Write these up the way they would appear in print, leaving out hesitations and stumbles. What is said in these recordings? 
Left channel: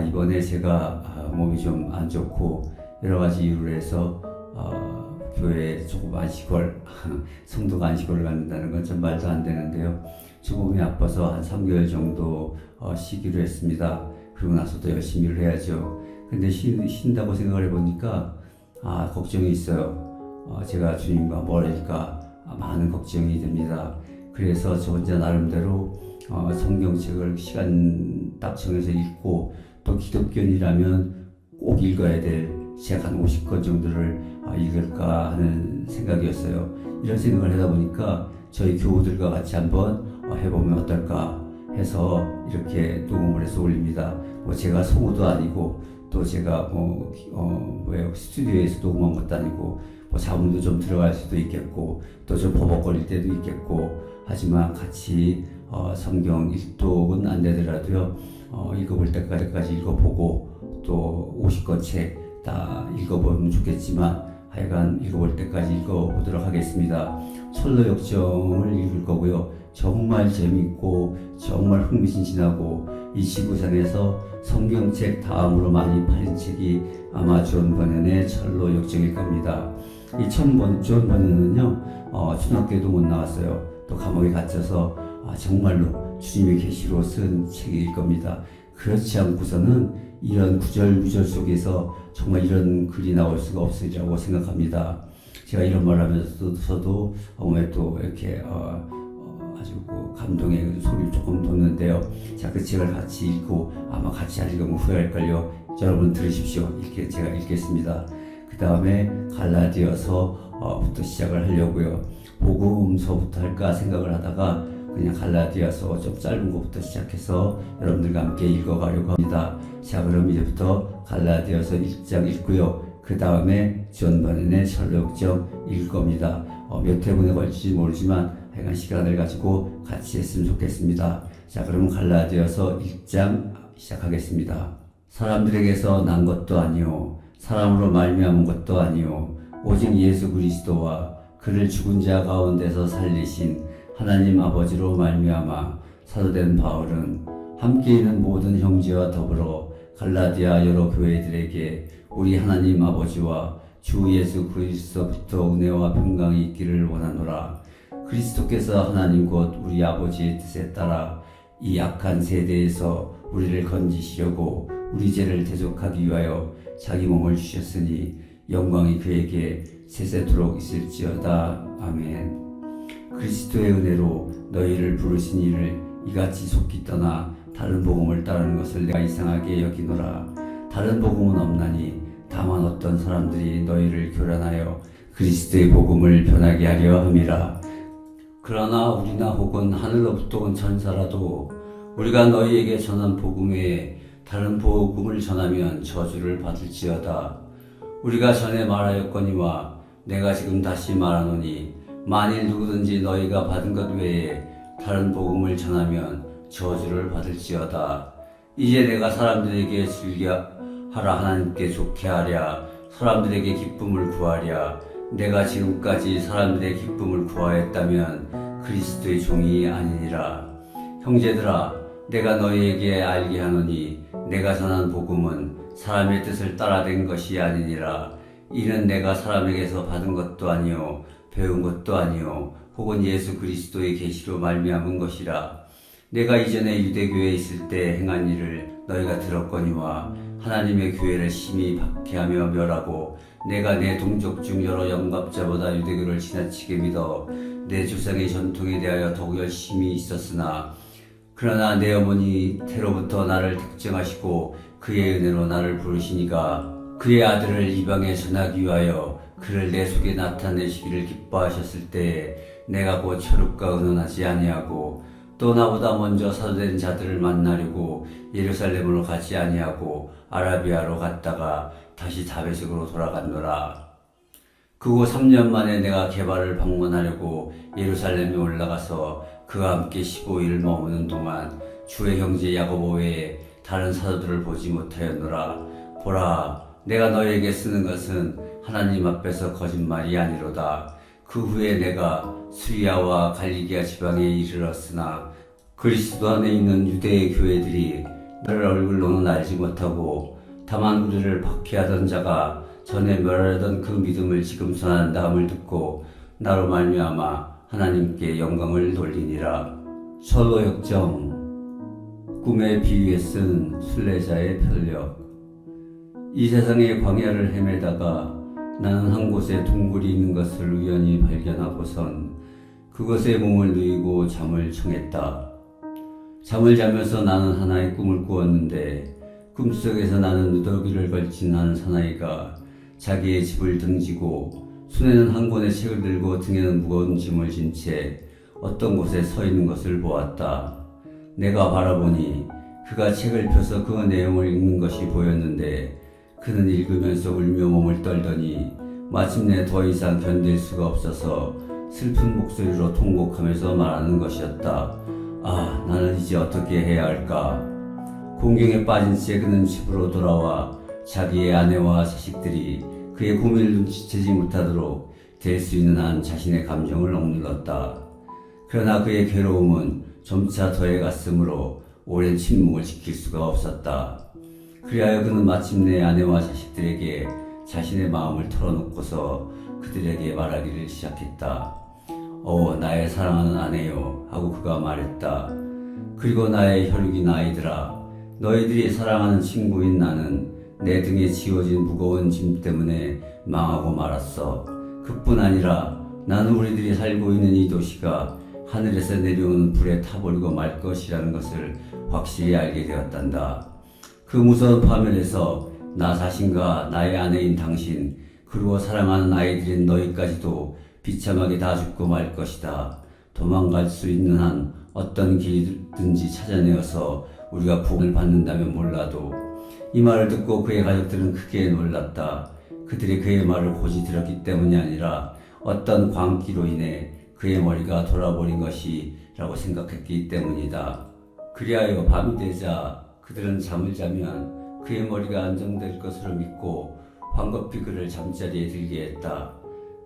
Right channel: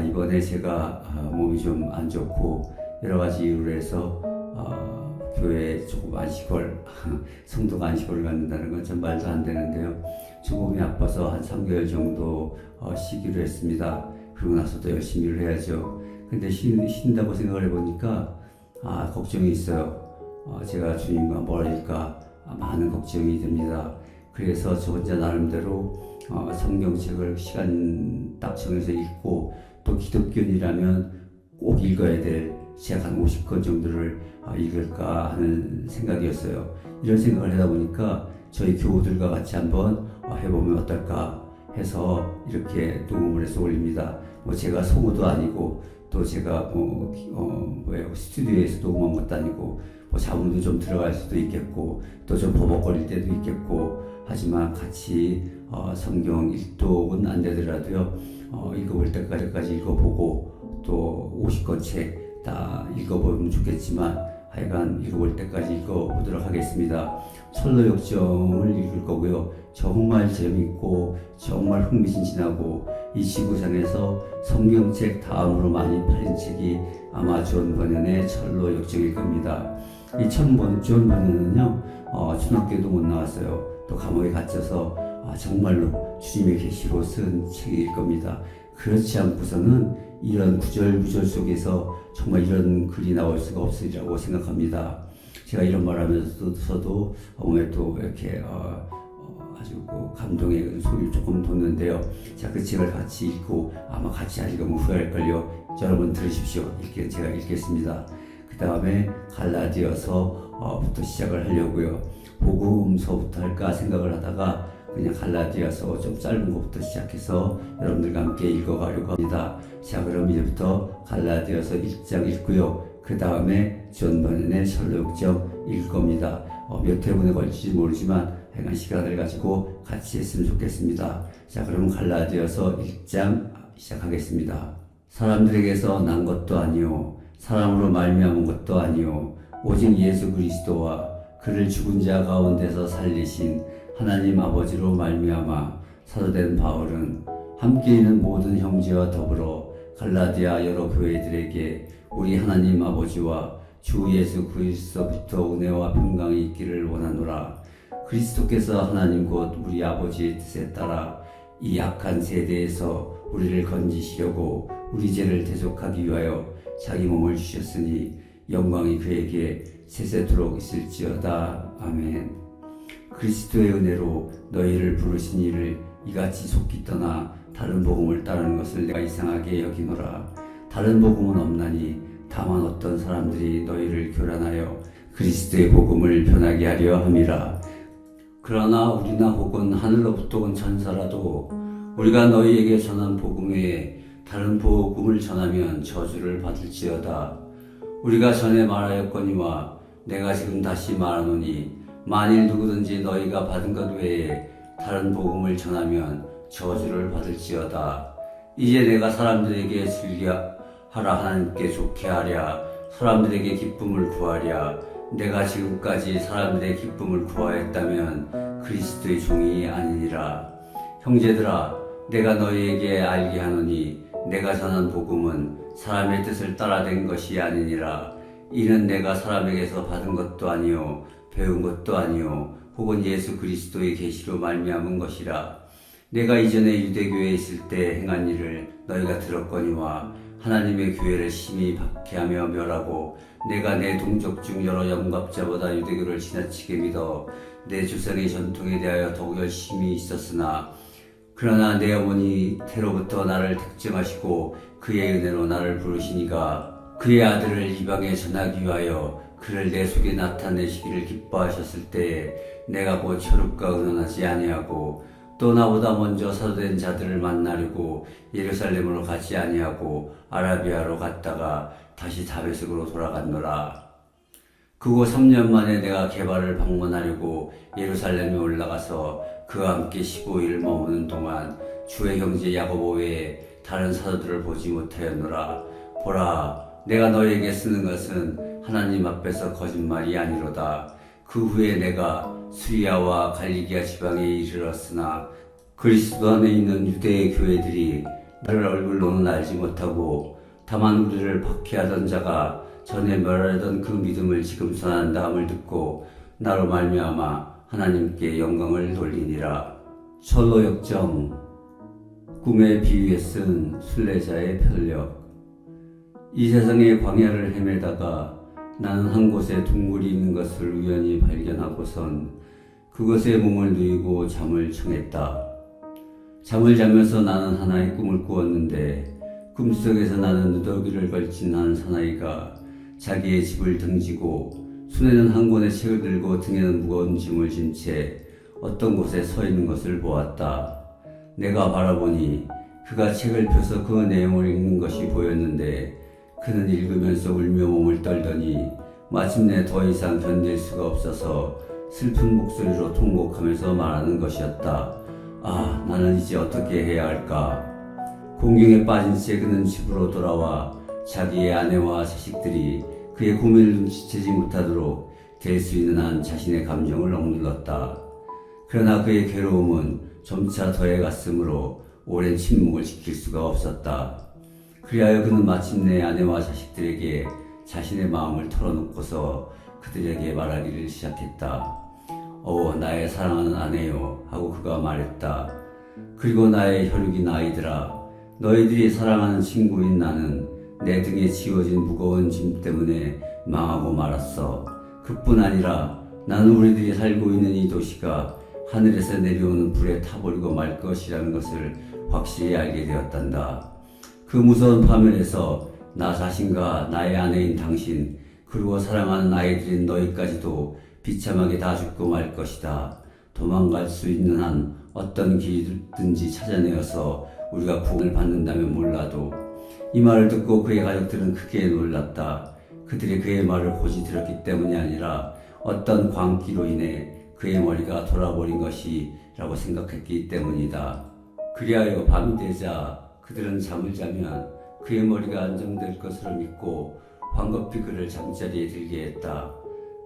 이번에 제가 몸이 좀 안 좋고 여러 가지 이유로 해서 교회에 조금 안식월, 성도가 안식월을 갖는다는 건 전 말도 안 되는데요. 저 몸이 아파서 한 3개월 정도 쉬기로 했습니다. 그러고 나서도 열심히 일을 해야죠. 근데 쉰다고 생각을 해보니까 걱정이 있어요. 제가 주님과 멀어질까 많은 걱정이 됩니다. 그래서 저 혼자 나름대로 성경책을 시간 딱 정해서 읽고, 또 기독교인이라면 꼭 읽어야 될 책 한 50권 정도를 읽을까 하는 생각이었어요. 이런 생각을 하다 보니까 저희 교우들과 같이 한번 해보면 어떨까 해서 이렇게 녹음을 해서 올립니다. 제가 성우도 아니고, 또 제가 스튜디오에서 녹음한 것도 아니고, 자문도 좀 들어갈 수도 있겠고, 또 좀 버벅거릴 때도 있겠고, 하지만 같이 성경 일독은 안 되더라도요, 읽어볼 때까지 읽어보고, 또 50권 책 다 읽어보면 좋겠지만, 하여간 읽어볼 때까지 읽어보도록 하겠습니다. 철로역정을 읽을 거고요. 정말 재밌고 정말 흥미진진하고 이 지구상에서 성경책 다음으로 많이 팔린 책이 아마 존 버년의 철로역정일 겁니다. 이 존 버년은요, 중학교도 못 나왔어요. 또 감옥에 갇혀서 정말로 주님의 계시로 쓴 책일 겁니다. 그렇지 않고서는 이런 구절구절 속에서 정말 이런 글이 나올 수가 없으리라고 생각합니다. 제가 이런 말 하면서도 몸에 또 이렇게 아주 감동의 소리를 조금 돋는데요. 자, 그 책을 같이 읽고 아마 같이 안 읽으면 후회할걸요. 여러분 들으십시오. 제가 읽겠습니다. 그 다음에 갈라디아서부터 시작을 하려고요. 복음서부터 할까 생각을 하다가 그냥 갈라디아서 좀 짧은 것부터 시작해서 여러분들과 함께 읽어가려고 합니다. 자, 그럼 이제부터 갈라디아서 1장 읽고요. 그 다음에 존 버년의 철로역정 읽을 겁니다. 몇 회분에 걸릴지 모르지만 하여간 시간을 가지고 같이 했으면 좋겠습니다. 자, 그러면 갈라디아서 1장 시작하겠습니다. 사람들에게서 난 것도 아니요, 사람으로 말미암은 것도 아니요, 오직 예수 그리스도와 그를 죽은 자 가운데서 살리신 하나님 아버지로 말미암아 사도된 바울은 함께 있는 모든 형제와 더불어 갈라디아 여러 교회들에게 우리 하나님 아버지와 주 예수 그리스도부터 은혜와 평강이 있기를 원하노라. 그리스도께서 하나님 곧 우리 아버지의 뜻에 따라 이 악한 세대에서 우리를 건지시려고 우리 죄를 대속하기 위하여 자기 몸을 주셨으니 영광이 그에게 세세토록 있을지어다. 아멘. 그리스도의 은혜로 너희를 부르신 이를 이같이 속기 떠나 다른 복음을 따르는 것을 내가 이상하게 여기노라. 다른 복음은 없나니 다만 어떤 사람들이 너희를 교란하여 그리스도의 복음을 변하게 하려 함이라. 그러나 우리나 혹은 하늘로부터 온 천사라도 우리가 너희에게 전한 복음 외에 다른 복음을 전하면 저주를 받을지어다. 우리가 전에 말하였거니와 내가 지금 다시 말하노니 만일 누구든지 너희가 받은 것 외에 다른 복음을 전하면 저주를 받을지어다. 이제 내가 사람들에게 즐겨하라 하나님께 좋게 하랴, 사람들에게 기쁨을 구하랴. 내가 지금까지 사람들의 기쁨을 구하였다면 그리스도의 종이 아니니라. 형제들아, 내가 너희에게 알게 하노니 내가 전한 복음은 사람의 뜻을 따라 된 것이 아니니라. 이는 내가 사람에게서 받은 것도 아니요 배운 것도 아니요 혹은 예수 그리스도의 계시로 말미암은 것이라. 내가 이전에 유대교회에 있을 때 행한 일을 너희가 들었거니와 하나님의 교회를 심히 박해하며 멸하고 내가 내 동족 중 여러 영갑자보다 유대교를 지나치게 믿어 내 조상의 전통에 대하여 더욱 열심히 있었으나, 그러나 내 어머니 태로부터 나를 택정하시고 그의 은혜로 나를 부르시니가 그의 아들을 이방에 전하기 위하여 그를 내 속에 나타내시기를 기뻐하셨을 때 내가 곧 혈육과 의논하지 아니하고 또 나보다 먼저 사도된 자들을 만나려고 예루살렘으로 가지 아니하고 아라비아로 갔다가 다시 다메섹으로 돌아갔노라. 그후 3년 만에 내가 게바를 방문하려고 예루살렘에 올라가서 그와 함께 15일 머무는 동안 주의 형제 야고보 외에 다른 사도들을 보지 못하였노라. 보라, 내가 너희에게 쓰는 것은 하나님 앞에서 거짓말이 아니로다. 그 후에 내가 수리아와 갈리기아 지방에 이르렀으나 그리스도 안에 있는 유대의 교회들이 나를 얼굴로는 알지 못하고 다만 우리를 박해하던 자가 전에 멸하던 그 믿음을 지금 선한다 함을 듣고 나로 말미암아 하나님께 영광을 돌리니라. 철로 역정 꿈의 비유에 쓴 순례자의 편력. 이 세상의 광야를 헤매다가 나는 한 곳에 동굴이 있는 것을 우연히 발견하고선 그곳에 몸을 누이고 잠을 청했다. 잠을 자면서 나는 하나의 꿈을 꾸었는데 꿈속에서 나는 누더기를 걸친 한 사나이가 자기의 집을 등지고 손에는 한 권의 책을 들고 등에는 무거운 짐을 진 채 어떤 곳에 서 있는 것을 보았다. 내가 바라보니 그가 책을 펴서 그 내용을 읽는 것이 보였는데 그는 읽으면서 울며 몸을 떨더니 마침내 더 이상 견딜 수가 없어서 슬픈 목소리로 통곡하면서 말하는 것이었다. 아, 나는 이제 어떻게 해야 할까? 공경에 빠진 채 그는 집으로 돌아와 자기의 아내와 자식들이 그의 고민을 눈치채지 못하도록 될 수 있는 한 자신의 감정을 억눌렀다. 그러나 그의 괴로움은 점차 더해갔으므로 오랜 침묵을 지킬 수가 없었다. 그리하여 그는 마침내 아내와 자식들에게 자신의 마음을 털어놓고서 그들에게 말하기를 시작했다. 나의 사랑하는 아내요 하고 그가 말했다. 그리고 나의 혈육인 아이들아, 너희들이 사랑하는 친구인 나는 내 등에 지워진 무거운 짐 때문에 망하고 말았어. 그뿐 아니라 나는 우리들이 살고 있는 이 도시가 하늘에서 내려오는 불에 타버리고 말 것이라는 것을 확실히 알게 되었단다. 그 무서운 파멸에서 나 자신과 나의 아내인 당신, 그리고 사랑하는 아이들인 너희까지도 비참하게 다 죽고 말 것이다. 도망갈 수 있는 한 어떤 길이든지 찾아내어서 우리가 구원을 받는다면 몰라도. 이 말을 듣고 그의 가족들은 크게 놀랐다. 그들이 그의 말을 고지 들었기 때문이 아니라 어떤 광기로 인해 그의 머리가 돌아버린 것이라고 생각했기 때문이다. 그리하여 밤이 되자 그들은 잠을 자면 그의 머리가 안정될 것으로 믿고 황급히 그를 잠자리에 들게 했다.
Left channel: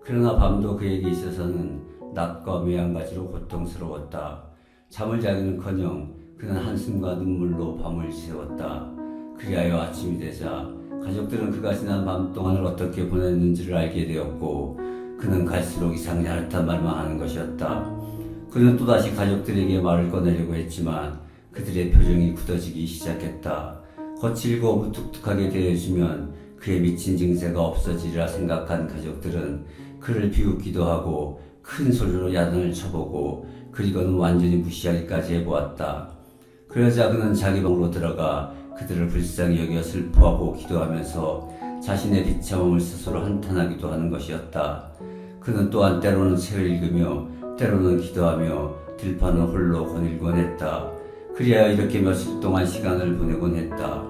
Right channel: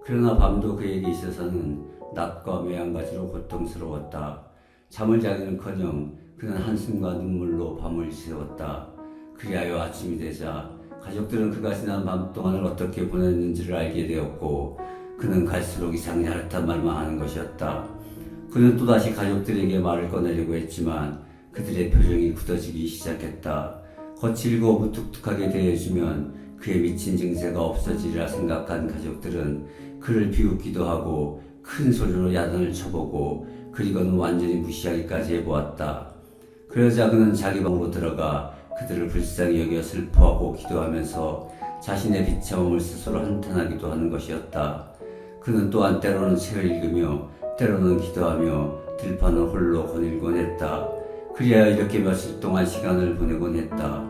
그러나 밤도 그에게 있어서는 낮과 매한가지로 고통스러웠다. 잠을 자기는커녕 그는 한숨과 눈물로 밤을 새웠다. 그리하여 아침이 되자 가족들은 그가 지난 밤 동안을 어떻게 보냈는지를 알게 되었고 그는 갈수록 이상 야릇한 말만 하는 것이었다. 그는 또다시 가족들에게 말을 꺼내려고 했지만 그들의 표정이 굳어지기 시작했다. 거칠고 무뚝뚝하게 대해주면 그의 미친 증세가 없어지리라 생각한 가족들은 그를 비웃기도 하고 큰 소리로 야단을 쳐보고 그리고는 완전히 무시하기까지 해보았다. 그러자 그는 자기 방으로 들어가 그들을 불쌍히 여겨 슬퍼하고 기도하면서 자신의 비참함을 스스로 한탄하기도 하는 것이었다. 그는 또한 때로는 책을 읽으며 때로는 기도하며 들판을 홀로 거닐곤 했다. 그리하여 이렇게 며칠 동안 시간을 보내곤 했다.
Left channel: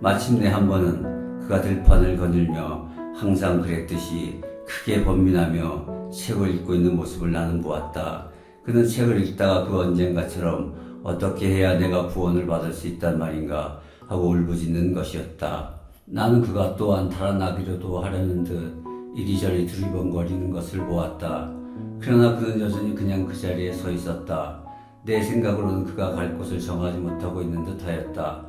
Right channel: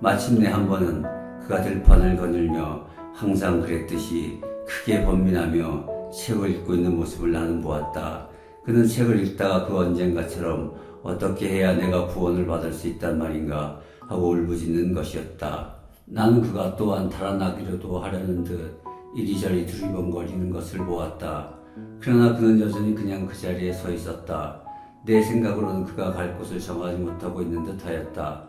마침내 한 번은 그가 들판을 거닐며 항상 그랬듯이 크게 번민하며 책을 읽고 있는 모습을 나는 보았다. 그는 책을 읽다가 그 언젠가처럼 어떻게 해야 내가 구원을 받을 수 있단 말인가 하고 울부짖는 것이었다. 나는 그가 또한 달아나기라도 하려는 듯 이리저리 두리번거리는 것을 보았다. 그러나 그는 여전히 그냥 그 자리에 서 있었다. 내 생각으로는 그가 갈 곳을 정하지 못하고 있는 듯하였다.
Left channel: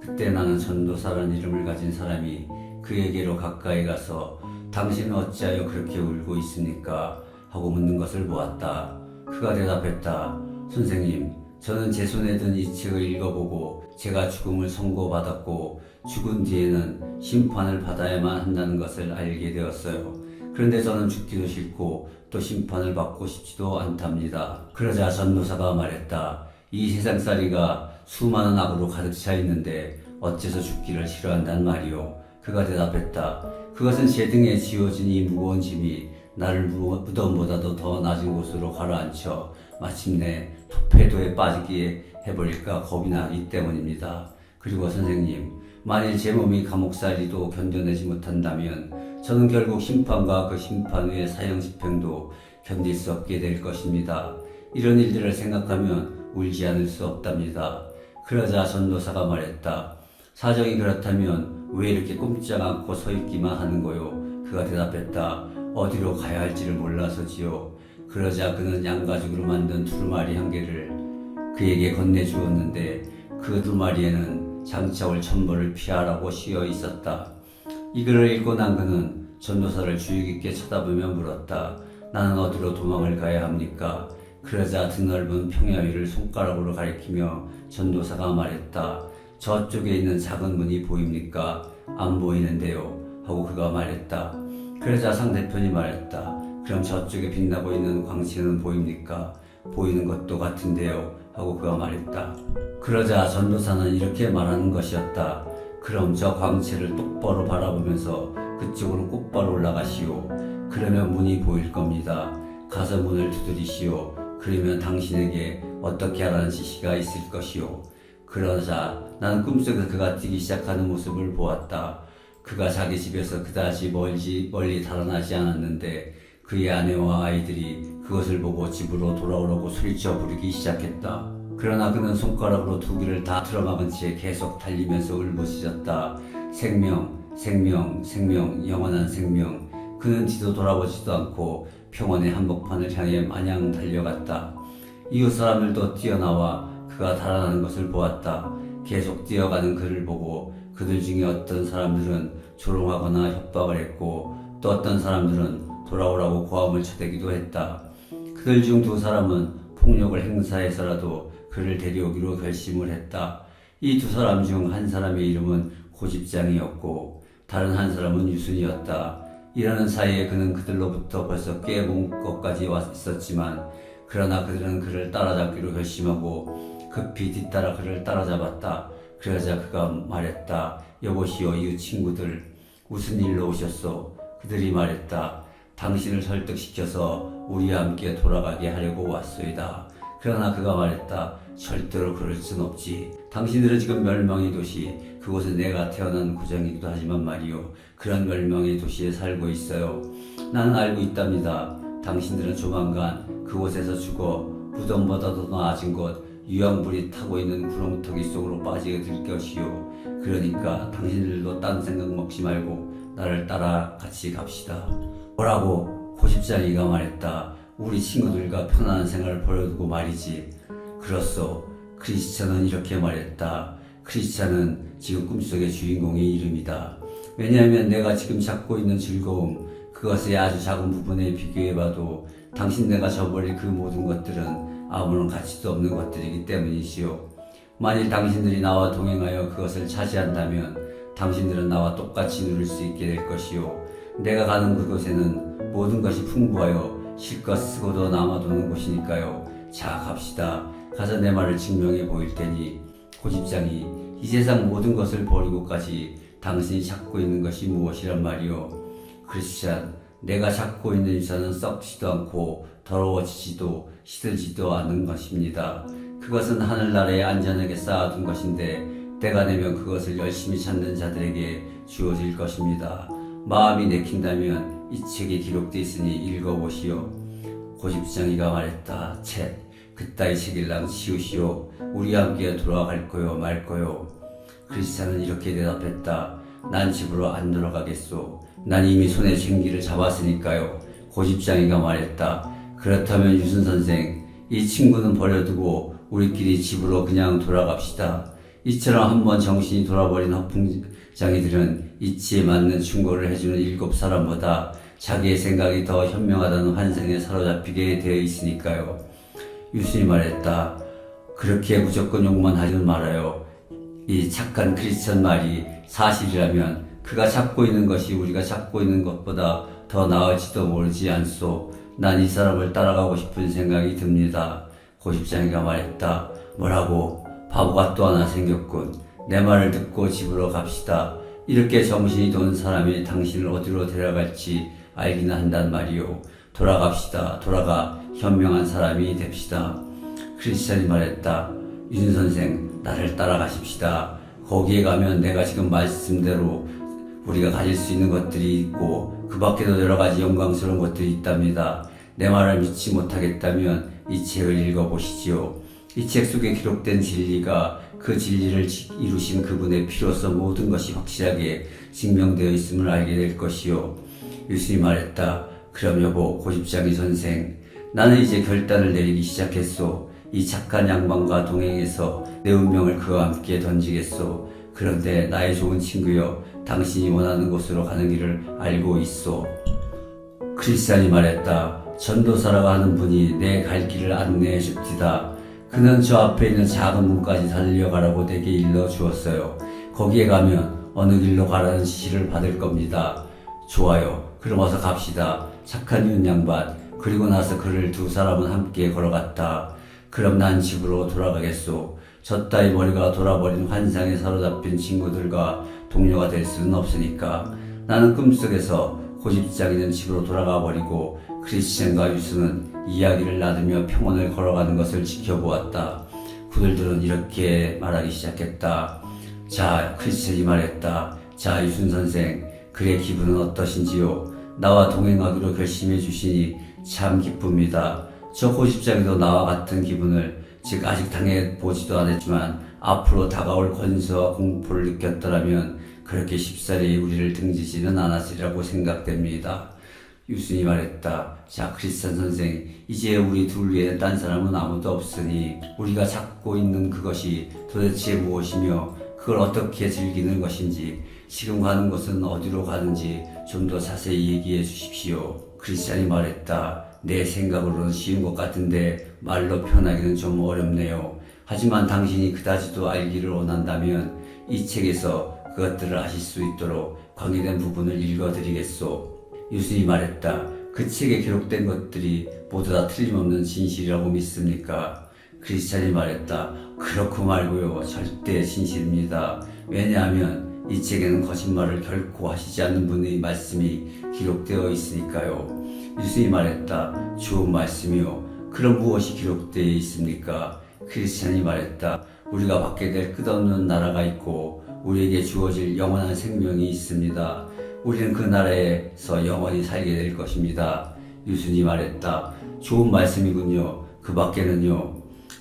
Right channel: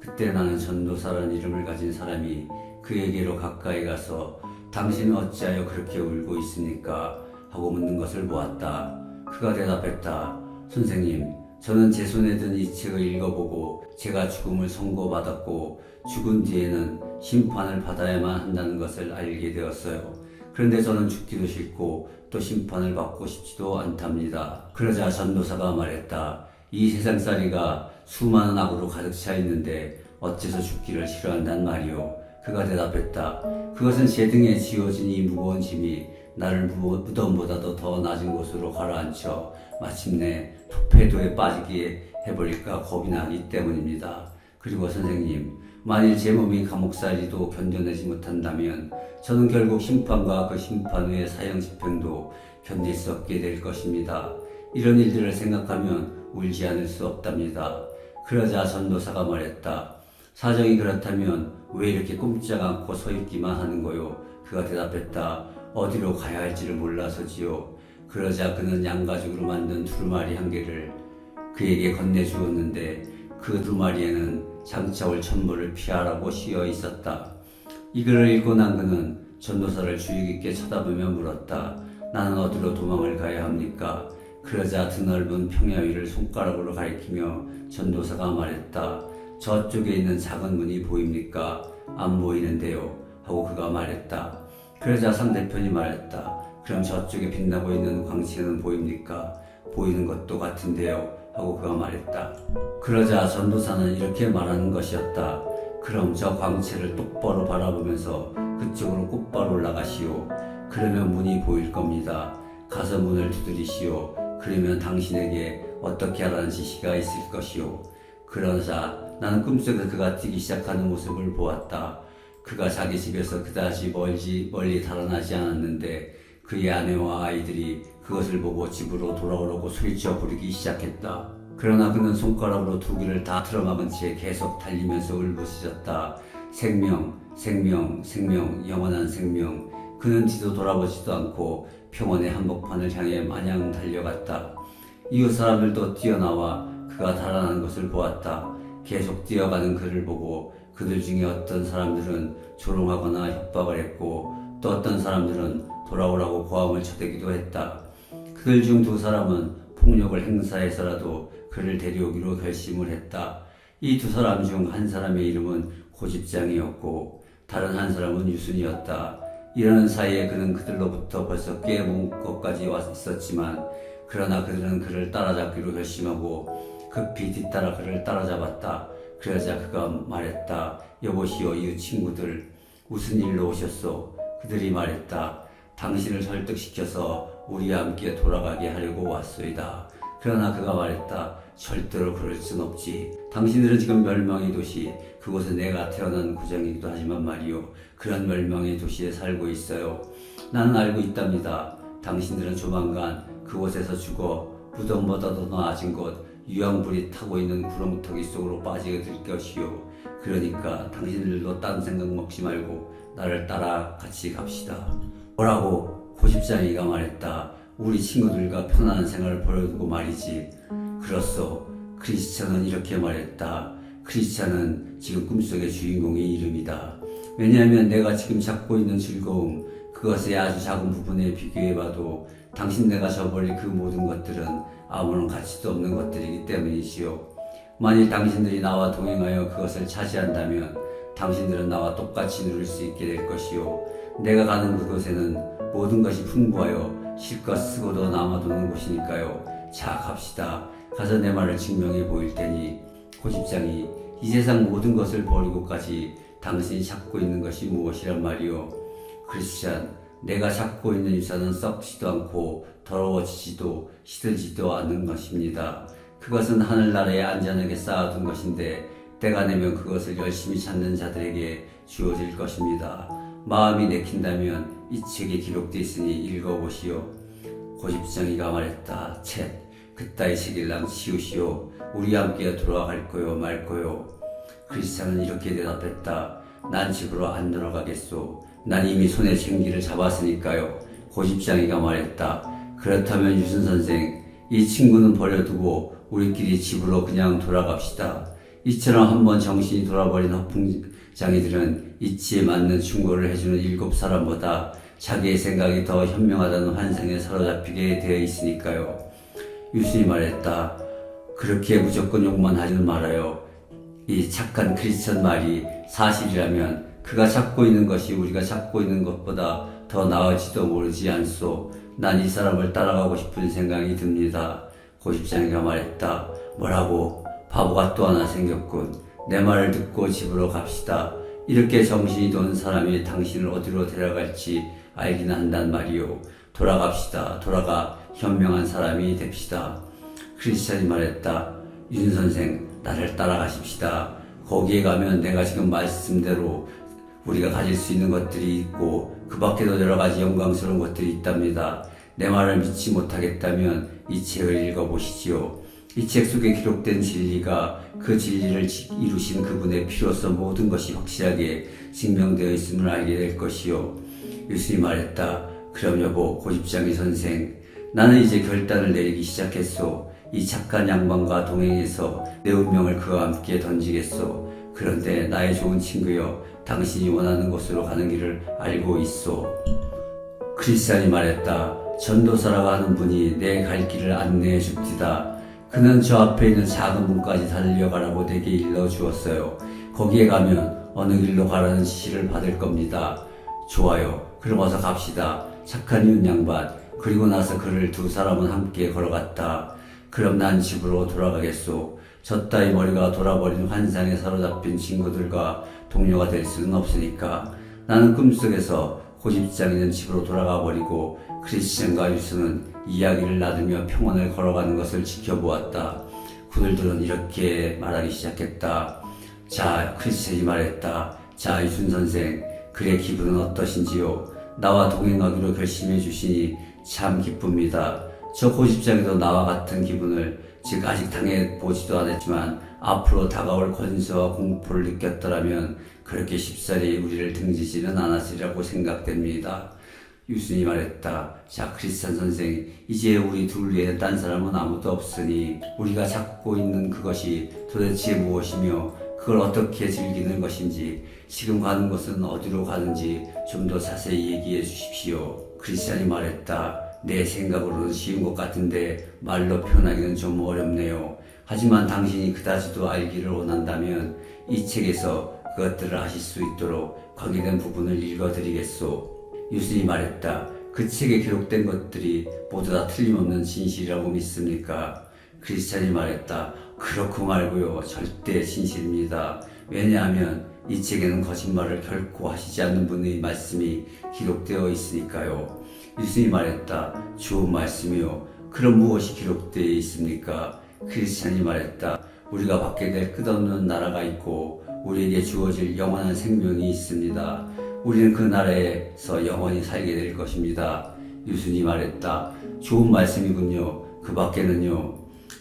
그때 나는 전도사라는 이름을 가진 사람이 그에게로 가까이 가서 당신은 어찌하여 그렇게 울고 있습니까? 하고 묻는 것을 보았다. 그가 대답했다. 선생님, 저는 제 손에 든 이 책을 읽어보고 제가 죽음을 선고받았고 죽은 뒤에는 심판을 받아야만 한다는 것을 알게 되었어요. 그런데 저는 죽기도 싫고 또 심판을 받고 싶지도 않답니다. 그러자 전도사가 말했다. 이 세상살이가 수많은 악으로 가득 차 있는데 어째서 죽기를 싫어한단 말이오. 그가 대답했다. 그것은 제 등에 지워진 이 무거운 짐이 나를 무덤보다도 더 낮은 곳으로 가라앉혀 마침내 토폐도에 빠지게 해버릴까 겁이 나기 때문입니다. 그리고 선생님, 만일 제 몸이 감옥살이도 견뎌내지 못한다면 저는 결국 심판과 그 심판 후의 사형 집행도 견딜 수 없게 될 것입니다. 이런 일들을 생각하면 울지 않을 수 없답니다. 그러자 전도사가 말했다. 사정이 그렇다면 왜 이렇게 꼼짝 않고 서 있기만 하는 거요? 그가 대답했다. 어디로 가야 할지를 몰라서지요. 그러자 그는 양가죽으로 만든 두루마리 한 개를 그에게 건네주었는데 그 두루마리에는 장차올 천벌을 피하라고 씌어 있었다. 이 글을 읽고 난 그는 전도사를 주의 깊게 쳐다보며 물었다. 나는 어디로 도망을 가야 합니까? 그러자 드넓은 평야 위를 손가락으로 가리키며 전도사가 말했다. 저쪽에 있는 작은 문이 보입니까? 안 보이는데요. 하고 그가 말했다. 그러자 상대편이 말했다. 그럼 저쪽에 빛나고 있는 광채는 보입니까? 보이는 것도 같은데요. 하고 그가 말했다. 그러자 전도사는 이렇게 말하는 것이었다. 그럼 저 광채를 똑바로 바라보면서 그쪽으로 곧바로 올라가시오. 그러면 문이 보일 겁니다. 가서 문을 두드리시오. 그러면 당신에게 어떻게 하라는 지시가 있을 것이오. 그러자 나는 꿈속에서 그가 뛰기 시작하는 모습을 보았다. 그가 자기 집에서 그다지 멀리 달아나지 않았는데 그의 아내와 아이들이 그것을 보고 집으로 돌아오라고 소리쳐 부르기 시작했다. 그러나 그는 손가락으로 두 귀를 다 틀어막은 채 계속 달리면서 울부짖었다. 생명, 생명, 생명, 영원한 생명. 그는 뒤도 돌아보지도 않고 평원의 한복판을 향해 마냥 달려갔다. 이웃 사람들도 뛰어나와 그가 달아나는 것을 보았다. 계속 뛰어가는 그를 보고 그들 중에 어떤 사람들은 조롱하거나 협박을 했고 또 어떤 사람들은 돌아오라고 고함을 쳐대기도 했다. 그들 중 두 사람은 폭력을 행사해서라도 그를 데려오기로 결심을 했다. 이 두 사람 중 한 사람의 이름은 고집장이었고 다른 한 사람은 유순이었다. 이러는 사이에 그는 그들로부터 벌써 꽤 먼 곳까지 와 있었지만 그러나 그들은 그를 따라잡기로 결심하고 급히 뒤따라 그를 따라잡았다. 그러자 그가 말했다. 여보시오 이웃 친구들 무슨 일로 오셨소? 그들이 말했다. 당신을 설득시켜서 우리와 함께 돌아가게 하려고 왔소이다. 그러나 그가 말했다. 절대로 그럴 순 없지. 당신들은 지금 멸망의 도시, 그곳은 내가 태어난 고장이기도 하지만 말이요. 그런 멸망의 도시에 살고 있어요. 나는 알고 있답니다. 당신들은 조만간 그곳에서 죽어 무덤보다도 나아진 곳, 유황불이 타고 있는 구렁텅이 속으로 빠지게 될 것이요. 그러니까 당신들도 딴 생각 먹지 말고 나를 따라 같이 갑시다. 뭐라고? 고집장이가 말했다. 우리 친구들과 편안한 생활을 벌여두고 말이지. 그렇소. 크리스찬은 이렇게 말했다. 크리스찬은 지금 꿈속의 주인공의 이름이다. 왜냐하면 내가 지금 찾고 있는 즐거움, 그것의 아주 작은 부분에 비교해봐도 당신네가 저버릴 그 모든 것들은 아무런 가치도 없는 것들이기 때문이지요. 만일 당신들이 나와 동행하여 그것을 차지한다면 당신들은 나와 똑같이 누릴 수 있게 될 것이요. 내가 가는 그곳에는 모든 것이 풍부하여 실컷 쓰고도 남아도는 곳이니까요. 자, 갑시다. 가서 내 말을 증명해 보일 테니. 고집장이 이 세상 모든 것을 버리고까지 당신이 찾고 있는 것이 무엇이란 말이오. 크리스찬, 내가 찾고 있는 유산은 썩지도 않고 더러워지지도 시들지도 않는 것입니다. 그것은 하늘나라에 안전하게 쌓아둔 것인데 때가 되면 그것을 열심히 찾는 자들에게 주어질 것입니다. 마음이 내킨다면 이 책에 기록되어 있으니 읽어보시오. 고집장이가 말했다. 쳇, 그따위 책일랑 치우시오. 우리와 함께 돌아갈 거요 말 거요. 크리스찬은 이렇게 대답했다. 난 집으로 안 돌아가겠소. 난 이미 손에 쟁기를 잡았으니까요. 고집장이가 말했다. 그렇다면 유순 선생, 이 친구는 버려두고 우리끼리 집으로 그냥 돌아갑시다. 이처럼 한번 정신이 돌아버린 허풍장이들은 이치에 맞는 충고를 해주는 7사람보다 자기의 생각이 더 현명하다는 환상에 사로잡히게 되어 있으니까요. 유순이 말했다. 그렇게 무조건 욕만 하지는 말아요. 이 착한 크리스천 말이 사실이라면 그가 찾고 있는 것이 우리가 찾고 있는 것보다 더 나을지도 모르지 않소. 난 이 사람을 따라가고 싶은 생각이 듭니다. 고집장이가 말했다. 뭐라고? 바보가 또 하나 생겼군. 내 말을 듣고 집으로 갑시다. 이렇게 정신이 도는 사람이 당신을 어디로 데려갈지 알기는 한단 말이오. 돌아갑시다. 돌아가 현명한 사람이 됩시다. 크리스찬이 말했다. 윤 선생, 나를 따라가십시다. 거기에 가면 내가 지금 말씀대로 우리가 가질 수 있는 것들이 있고 그 밖에도 여러 가지 영광스러운 것들이 있답니다. 내 말을 믿지 못하겠다면 이 책을 읽어보시지요. 이 책 속에 기록된 진리가 그 진리를 이루신 그분의 피로서 모든 것이 확실하게 증명되어 있음을 알게 될 것이요. 유순이 말했다. 그럼 여보, 고집장이 선생, 나는 이제 결단을 내리기 시작했소. 이 착한 양반과 동행해서 내 운명을 그와 함께 던지겠소. 그런데 나의 좋은 친구여, 당신이 원하는 곳으로 가는 길을 알고 있소. 크리스찬이 말했다. 전도사라고 하는 분이 내 갈 길을 안내해 줍디다. 그는 저 앞에 있는 작은 문까지 달려가라고 내게 일러 주었어요. 거기에 가면 어느 길로 가라는 지시를 받을 겁니다. 좋아요. 그럼 어서 갑시다. 착한 윤 양반. 그리고 나서 그를 두 사람은 함께 걸어갔다. 그럼 난 집으로 돌아가겠소. 저 따위 머리가 돌아버린 환상에 사로잡힌 친구들과 동료가 될 수는 없으니까. 나는 꿈속에서 고집장이는 집으로 돌아가 버리고 크리스찬과 유수는 이야기를 나누며 평원을 걸어가는 것을 지켜보았다. 그들은 이렇게 말하기 시작했다. 자, 크리스찬이 말했다. 자, 유순 선생, 그의 기분은 어떠신지요? 나와 동행하기로 결심해 주시니 참 기쁩니다. 저 고집장이도 나와 같은 기분을, 즉 아직 당해보지도 않았지만 앞으로 다가올 권세와 공포를 느꼈더라면 그렇게 쉽사리 우리를 등지지는 않았으리라고 생각됩니다. 유순이 말했다. 자, 크리스찬 선생, 이제 우리 둘 외에 딴 사람은 아무도 없으니 우리가 찾고 있는 그것이 도대체 무엇이며 그걸 어떻게 즐기는 것인지, 지금 가는 곳은 어디로 가는지 좀 더 자세히 얘기해 주십시오. 크리스찬이 말했다. 내 생각으로는 쉬운 것 같은데 말로 표현하기는 좀 어렵네요. 하지만 당신이 그다지도 알기를 원한다면 이 책에서 그것들을 아실 수 있도록 관계된 부분을 읽어드리겠소. 유순이 말했다. 그 책에 기록된 것들이 모두 다 틀림없는 진실이라고 믿습니까? 크리스찬이 말했다. 그렇고 말고요. 절대 진실입니다. 왜냐하면 이 책에는 거짓말을 결코 하시지 않는 분의 말씀이 기록되어 있으니까요. 유순이 말했다. 좋은 말씀이요. 그럼 무엇이 기록되어 있습니까? 크리스찬이 말했다. 우리가 받게 될 끝없는 나라가 있고 우리에게 주어질 영원한 생명이 있습니다. 우리는 그 나라에서 영원히 살게 될 것입니다. 유순이 말했다. 좋은 말씀이군요. 그 밖에는요.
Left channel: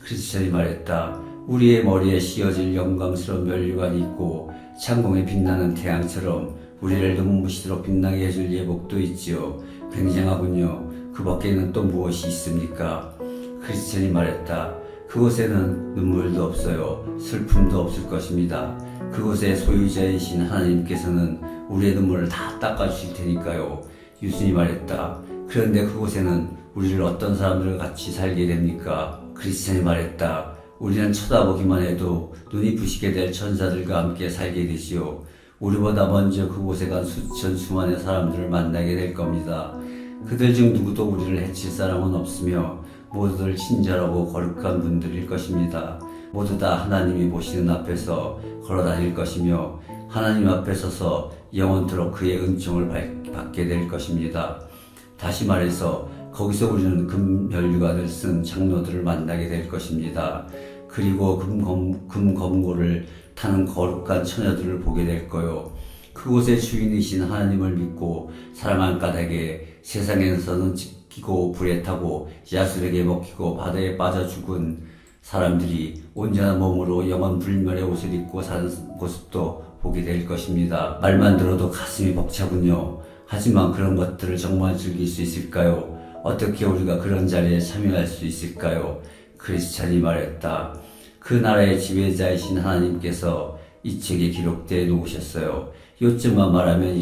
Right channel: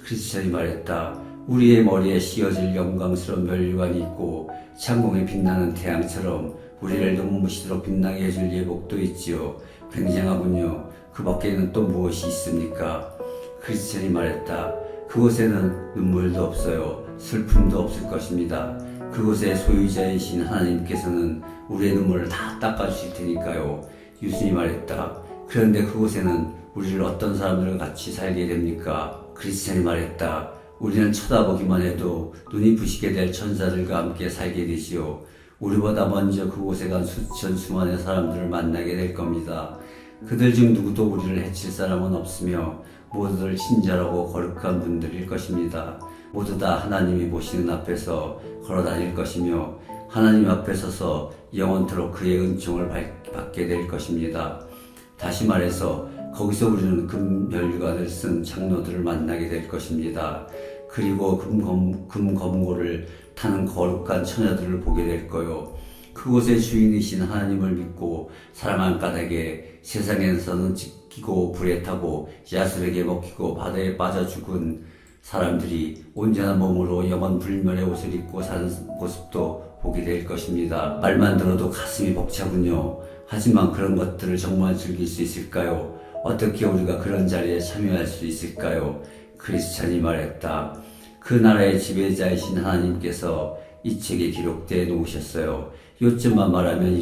크리스찬이 말했다. 우리의 머리에 씌어질 영광스러운 면류관이 있고 창공에 빛나는 태양처럼 우리를 눈부시도록 빛나게 해줄 예복도 있지요. 굉장하군요. 그 밖에는 또 무엇이 있습니까? 크리스찬이 말했다. 그곳에는 눈물도 없어요. 슬픔도 없을 것입니다. 그곳의 소유자이신 하나님께서는 우리의 눈물을 다 닦아주실 테니까요. 유순이 말했다. 그런데 그곳에는 우리를 어떤 사람들과 같이 살게 됩니까? 크리스찬이 말했다. 우리는 쳐다보기만 해도 눈이 부시게 될 천사들과 함께 살게 되지요. 우리보다 먼저 그곳에 간 수천 수만의 사람들을 만나게 될 겁니다. 그들 중 누구도 우리를 해칠 사람은 없으며 모두들 친절하고 거룩한 분들일 것입니다. 모두 다 하나님이 보시는 앞에서 걸어 다닐 것이며 하나님 앞에 서서 영원토록 그의 은총을 받게 될 것입니다. 다시 말해서 거기서 우리는 금면류관을 쓴 장로들을 만나게 될 것입니다. 그리고 금검고를 타는 거룩한 처녀들을 보게 될 거요. 그곳의 주인이신 하나님을 믿고 사랑한 까닭에 세상에서는 찢기고 불에 타고 야술에게 먹히고 바다에 빠져 죽은 사람들이 온전한 몸으로 영원 불멸의 옷을 입고 사는 모습도 보게 될 것입니다. 말만 들어도 가슴이 벅차군요. 하지만 그런 것들을 정말 즐길 수 있을까요? 어떻게 우리가 그런 자리에 참여할 수 있을까요? 크리스찬이 말했다. 그 나라의 지배자이신 하나님께서 이 책에 기록되어 놓으셨어요. 요점만 말하면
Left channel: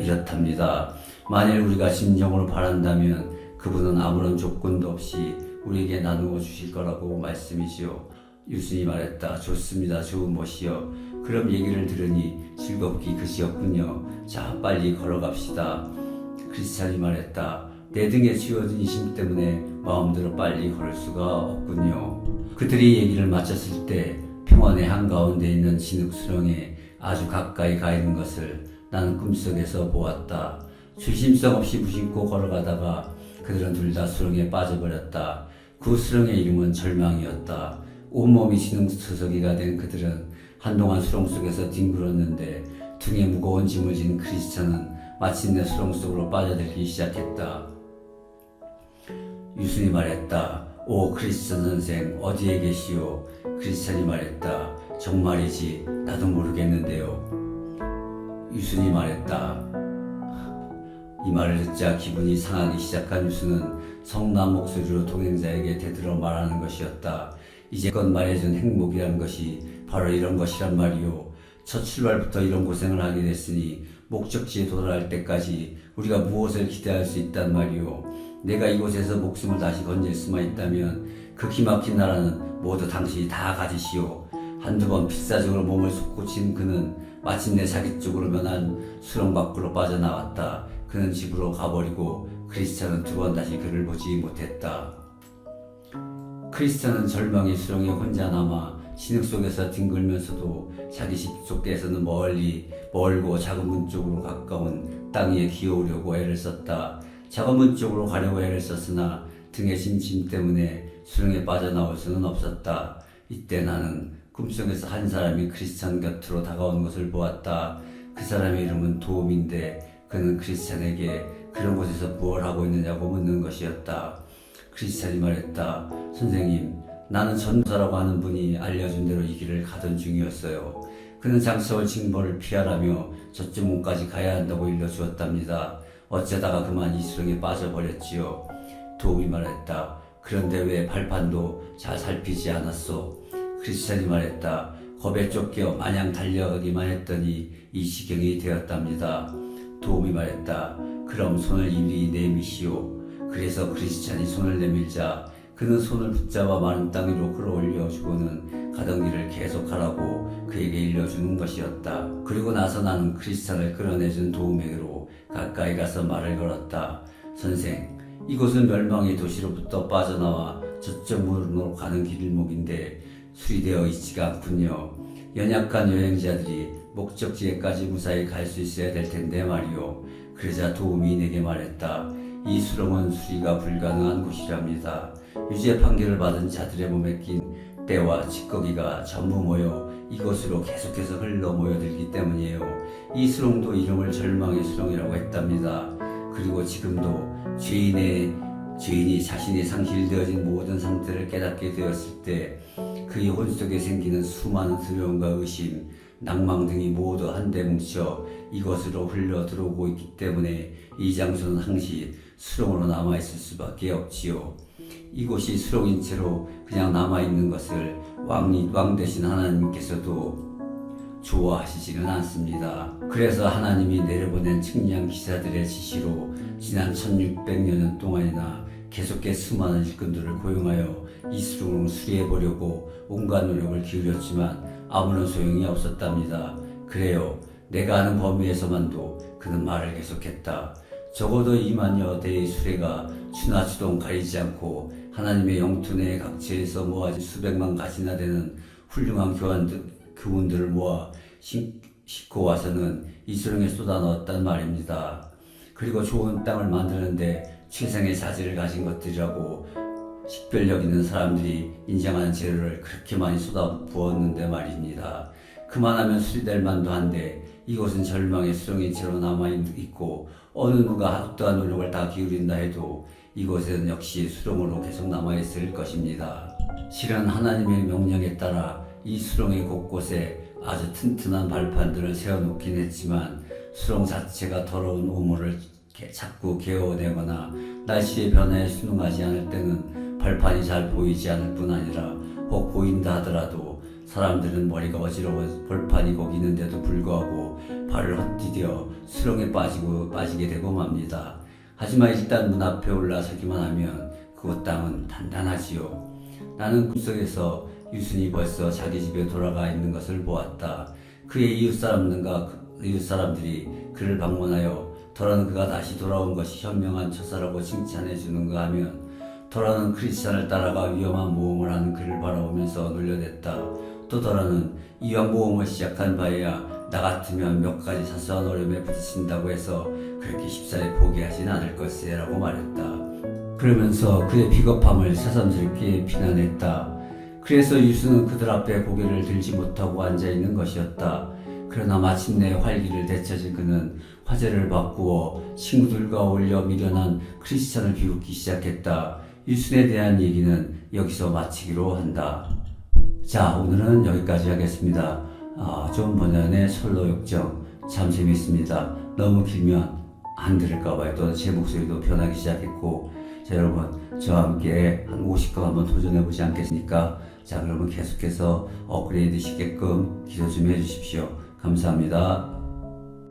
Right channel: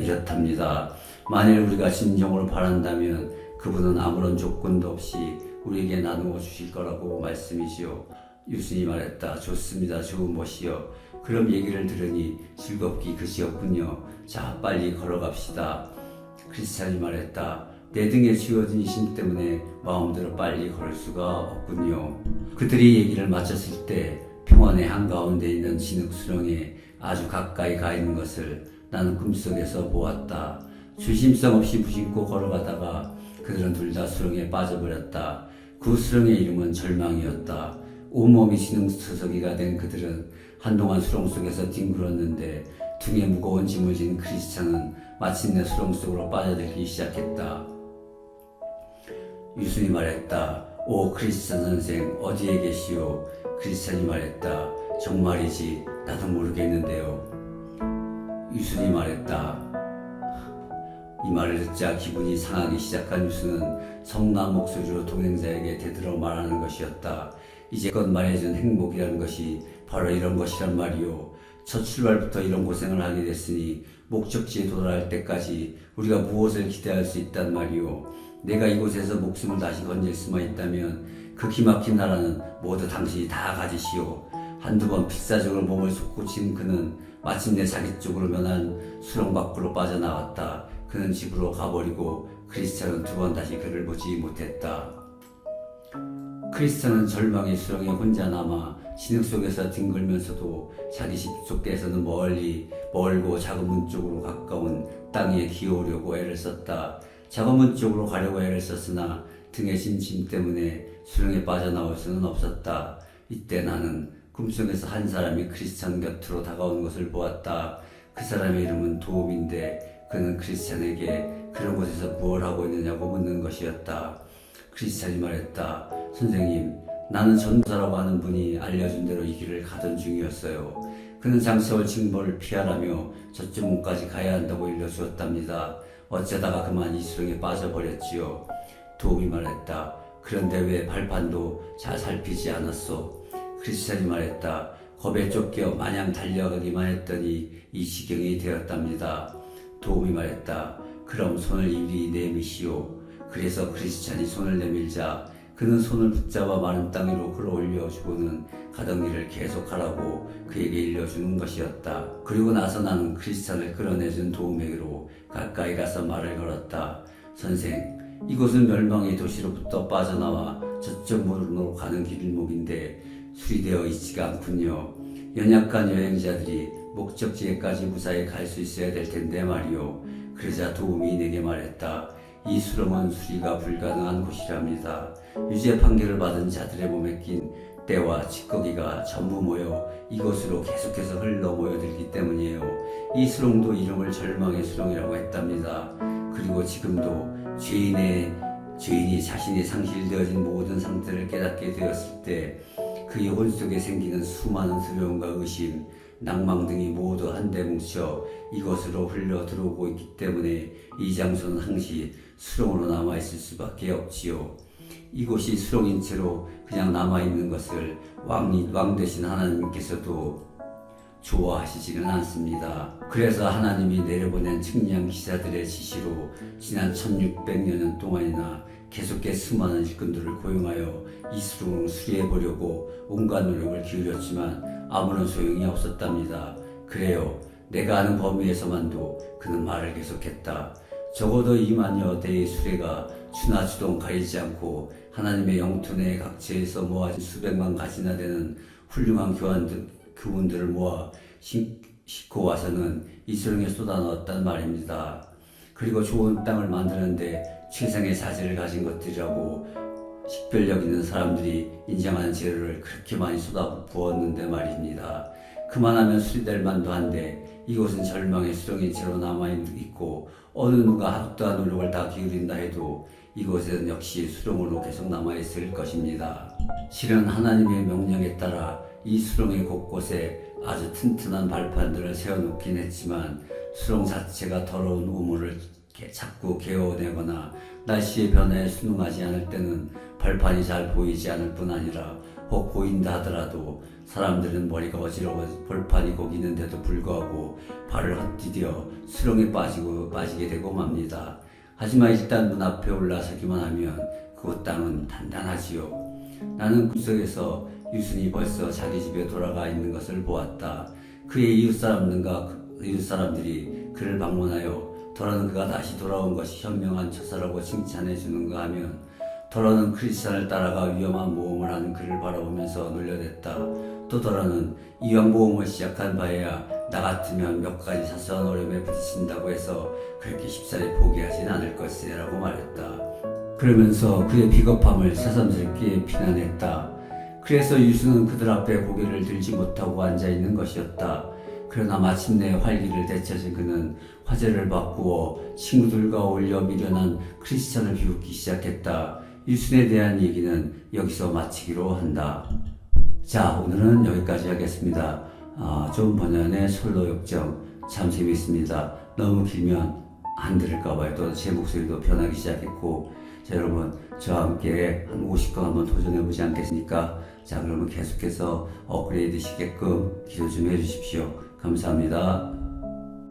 이렇답니다. 만일 우리가 진정으로 바란다면 그분은 아무런 조건도 없이 우리에게 나누어 주실 거라고 말씀이시오. 유순이 말했다. 좋습니다. 좋은 것이요. 그럼 얘기를 들으니 즐겁기 그지없군요. 자, 빨리 걸어갑시다. 크리스찬이 말했다. 내 등에 쥐어진 이심 때문에 마음대로 빨리 걸을 수가 없군요. 그들이 얘기를 마쳤을 때 평원의 한가운데 있는 진흙 수렁에 아주 가까이 가 있는 것을 나는 꿈속에서 보았다. 조심성 없이 무심코 걸어가다가 그들은 둘 다 수렁에 빠져버렸다. 그 수렁의 이름은 절망이었다. 온몸이 진흙투성이가 된 그들은 한동안 수렁 속에서 뒹굴었는데 등에 무거운 짐을 진 크리스찬은 마침내 수렁 속으로 빠져들기 시작했다. 유순이 말했다. 오 크리스찬 선생, 어디에 계시오? 크리스찬이 말했다. 정말이지 나도 모르겠는데요. 유순이 말했다. 이 말을 듣자 기분이 상하기 시작한 유순은 성난 목소리로 동행자에게 대들어 말하는 것이었다. 이제껏 말해준 행복이라는 것이 바로 이런 것이란 말이오. 첫 출발부터 이런 고생을 하게 됐으니 목적지에 도달할 때까지 우리가 무엇을 기대할 수 있단 말이오. 내가 이곳에서 목숨을 다시 건질 수만 있다면 그 기막힌 나라는 모두 당신이 다 가지시오. 한두 번 필사적으로 몸을 솟구친 그는 마침내 자기 쪽으로 면한 수렁 밖으로 빠져나왔다. 그는 집으로 가버리고 크리스찬은 두 번 다시 그를 보지 못했다. 크리스찬은 절망의 수렁에 혼자 남아 진흙 속에서 뒹굴면서도 자기 집 쪽에서는 멀고 작은 문 쪽으로 가까운 땅 위에 기어오려고 애를 썼다. 작은 문 쪽으로 가려고 애를 썼으나 등에 진 짐 때문에 수렁에 빠져나올 수는 없었다. 이때 나는 꿈속에서 한 사람이 크리스찬 곁으로 다가오는 것을 보았다. 그 사람의 이름은 도움인데 그는 크리스찬에게 그런 곳에서 무엇을 하고 있느냐고 묻는 것이었다. 크리스찬이 말했다. 선생님, 나는 전도사라고 하는 분이 알려준 대로 이 길을 가던 중이었어요. 그는 장차올 징벌을 피하라며 저쪽 문까지 가야 한다고 일러주었답니다. 어쩌다가 그만 이 수렁에 빠져버렸지요. 도움이 말했다. 그런데 왜 발판도 잘 살피지 않았소? 크리스찬이 말했다. 겁에 쫓겨 마냥 달려가기만 했더니 이 지경이 되었답니다. 도움이 말했다. 그럼 손을 이리 내미시오. 그래서 크리스찬이 손을 내밀자 그는 손을 붙잡아 마른 땅 위로 끌어올려주고는 가던 길을 계속하라고 그에게 일러주는 것이었다. 그리고 나서 나는 크리스찬을 끌어내준 도움에게로 가까이 가서 말을 걸었다. 선생, 이곳은 멸망의 도시로부터 빠져나와 저쪽 문으로 가는 길목인데 수리되어 있지가 않군요. 연약한 여행자들이 목적지에까지 무사히 갈 수 있어야 될 텐데 말이오. 그러자 도움이 내게 말했다. 이 수렁은 수리가 불가능한 곳이랍니다. 유죄 판결을 받은 자들의 몸에 낀 때와 찌꺼기가 전부 모여 이곳으로 계속해서 흘러 모여들기 때문이에요. 이 수렁도 이름을 절망의 수렁이라고 했답니다. 그리고 지금도 죄인이 자신이 상실되어진 모든 상태를 깨닫게 되었을 때 그의 혼 속에 생기는 수많은 두려움과 의심, 낭망 등이 모두 한데 뭉쳐 이것으로 흘러 들어오고 있기 때문에 이 장소는 항시 수렁으로 남아있을 수밖에 없지요. 이곳이 수렁인 채로 그냥 남아있는 것을 왕 대신 하나님께서도 좋아하시지는 않습니다. 그래서 하나님이 내려보낸 측량 기사들의 지시로 지난 1600년 동안이나 계속해 수많은 일꾼들을 고용하여 이 수렁을 수리해보려고 온갖 노력을 기울였지만 아무런 소용이 없었답니다. 그래요. 내가 아는 범위에서만도 그는 말을 계속했다. 적어도 2만여 대의 수레가 추나추동 가리지 않고 하나님의 영토 내 각지에서 모아진 수백만 가지나 되는 훌륭한 교훈들을 모아 싣고 와서는 이 수렁에 쏟아 넣었단 말입니다. 그리고 좋은 땅을 만드는데 최상의 자질을 가진 것들이라고 식별력 있는 사람들이 인정하는 재료를 그렇게 많이 쏟아 부었는데 말입니다. 그만하면 수리될 만도 한데 이곳은 절망의 수렁인 채로 남아있고 어느 누가 어떠한 노력을 다 기울인다 해도 이곳에는 역시 수렁으로 계속 남아있을 것입니다. 실은 하나님의 명령에 따라 이 수렁의 곳곳에 아주 튼튼한 발판들을 세워놓긴 했지만 수렁 자체가 더러운 우물을 자꾸 개어내거나 날씨의 변화에 순응하지 않을 때는 발판이 잘 보이지 않을 뿐 아니라 혹 보인다 하더라도 사람들은 머리가 어지러워 벌판이 거기 있는데도 불구하고 발을 헛디뎌 수렁에 빠지게 되고 맙니다. 하지만 일단 문 앞에 올라서기만 하면 그곳 땅은 단단하지요. 나는 꿈속에서 유순이 벌써 자기 집에 돌아가 있는 것을 보았다. 그의 이웃사람들이 그를 방문하여 더러는 그가 다시 돌아온 것이 현명한 처사라고 칭찬해 주는가 하면 더러는 크리스찬을 따라가 위험한 모험을 하는 그를 바라보면서 놀려댔다. 또 더러는 이왕 모험을 시작한 바에야 나 같으면 몇 가지 사소한 어려움에 부딪힌다고 해서 그렇게 쉽사리 포기하진 않을 것세 라고 말했다. 그러면서 그의 비겁함을 새삼스럽게 비난했다. 그래서 유수는 그들 앞에 고개를 들지 못하고 앉아있는 것이었다. 그러나 마침내 활기를 되찾은 그는 화제를 바꾸어 친구들과 어울려 미련한 크리스찬을 비웃기 시작했다. 유순에 대한 얘기는 여기서 마치기로 한다. 자, 오늘은 여기까지 하겠습니다. 좋은 번연의 솔로 역정 참 재미있습니다. 너무 길면 안 들을까봐요. 또 제 목소리도 변하기 시작했고, 자, 여러분 저와 함께 한 50건 한번 도전해보지 않겠습니까? 자, 그러면 계속해서 업그레이드 시게끔 기도 좀 해주십시오. 감사합니다.